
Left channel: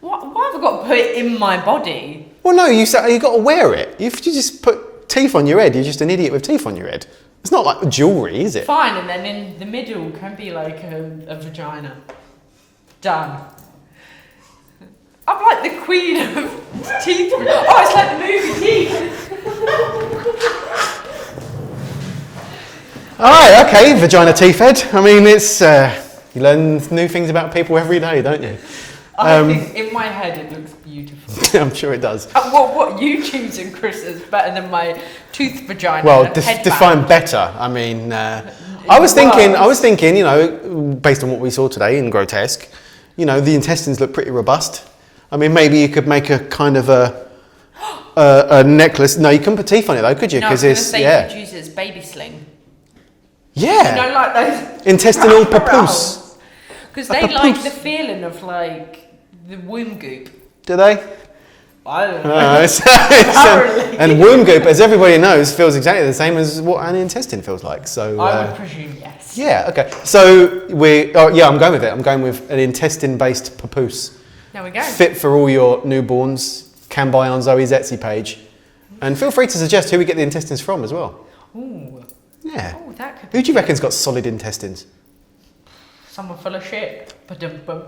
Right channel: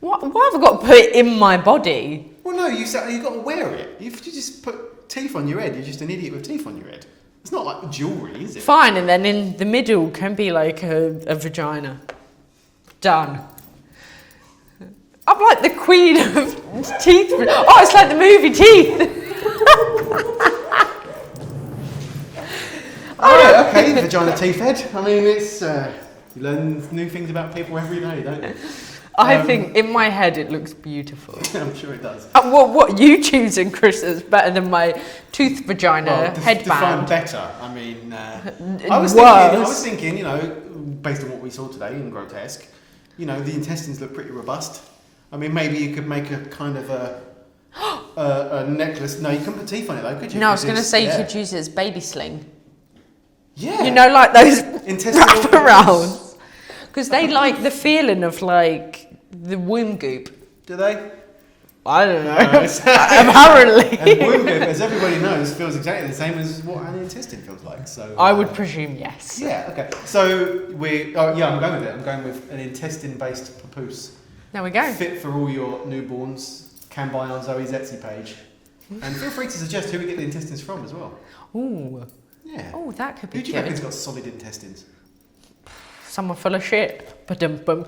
Why have I got to put it in my body? Well, no, you got to wear it. If you just put teeth on your head, you're just an idiot with teeth on your head. It's not like jewellery, is it? Fine, and then in the middle can be like a vagina. Done. I'm like the queen of teeth. Oh, it's like the movie Teeth. All right, okay, vagina teeth head. I mean, it's you learn new things about people every day, don't you? I think in my head it looks beautiful. I'm sure it does. What you choosing, Chris, is better than my tooth vagina Well, headband. define better. I mean, I was thinking, you know, based on what we saw today in Grotesque, you know, the intestines look pretty robust. I mean, maybe you could make a kind of a necklace. No, you couldn't put teeth on it though, could you? No, I was going to say you yeah. could use it as baby sling. Yeah. You know, like those Intestinal wraparounds. Because they papoose. like the feeling of like the womb goop. Do they? I don't know. Apparently. And womb goop, as everybody knows, feels exactly the same as what an intestine feels like. So I would presume yes. yeah, okay. So I'm going with it. I'm going with an intestine-based papoose. There we go. Fit for all your newborns can buy on Zoe's Etsy page. And feel free to suggest who we get the intestines from as well. Ooh. Yeah. Oh, that could be Who do you good. reckon's got solid intestines? Someone full of shit. Ba-dum-bum.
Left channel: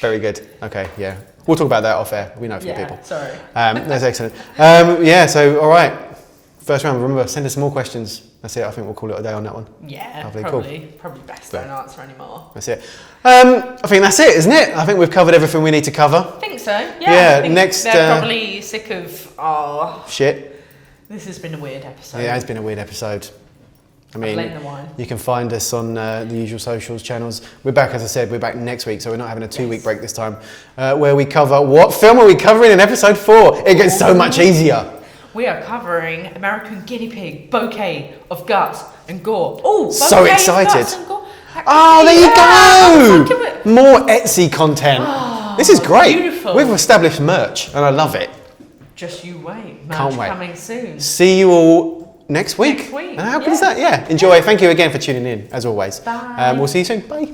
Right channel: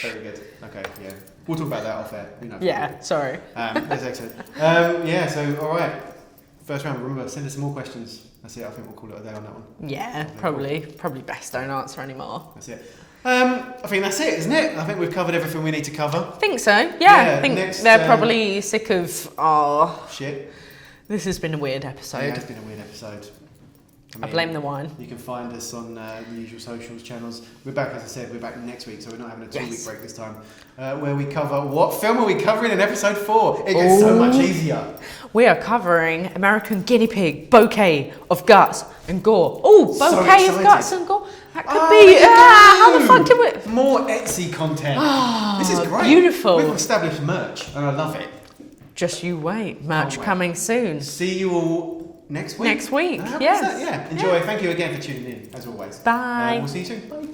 Very good. Okay, yeah. We'll talk about that off air. We know from Yeah, people. sorry. That's excellent. Yeah, so all right. First round, remember, send us some more questions. That's it. I think we'll call it a day on that one. Yeah, Lovely, probably best don't answer anymore. That's it. I think that's it, isn't it? I think we've covered everything we need to cover. I think so. Yeah. Yeah, I think next, they're probably sick of. Oh, Shit. this has been a weird episode. Yeah, it's been a weird episode. I mean, blame the wine. You can find us on the usual socials channels. We're back, as I said, we're back next week, so we're not having a 2-week break this time, where we cover, what film are we covering in episode 4? It gets so much easier. We are covering American Guinea Pig, Bouquet of Guts and Gore. Oh, So Bouquet excited. Of Guts and Gore. That could Oh, be- there you I'm go! onto it. More Etsy content. This is great. Beautiful. We've established merch, and I love it. Just you wait. Can't Merch wait. coming soon. See you all next week. Next week, And how good is that? Yeah. Enjoy. Thank you again for tuning in, as always. Bye. We'll see you soon. Bye.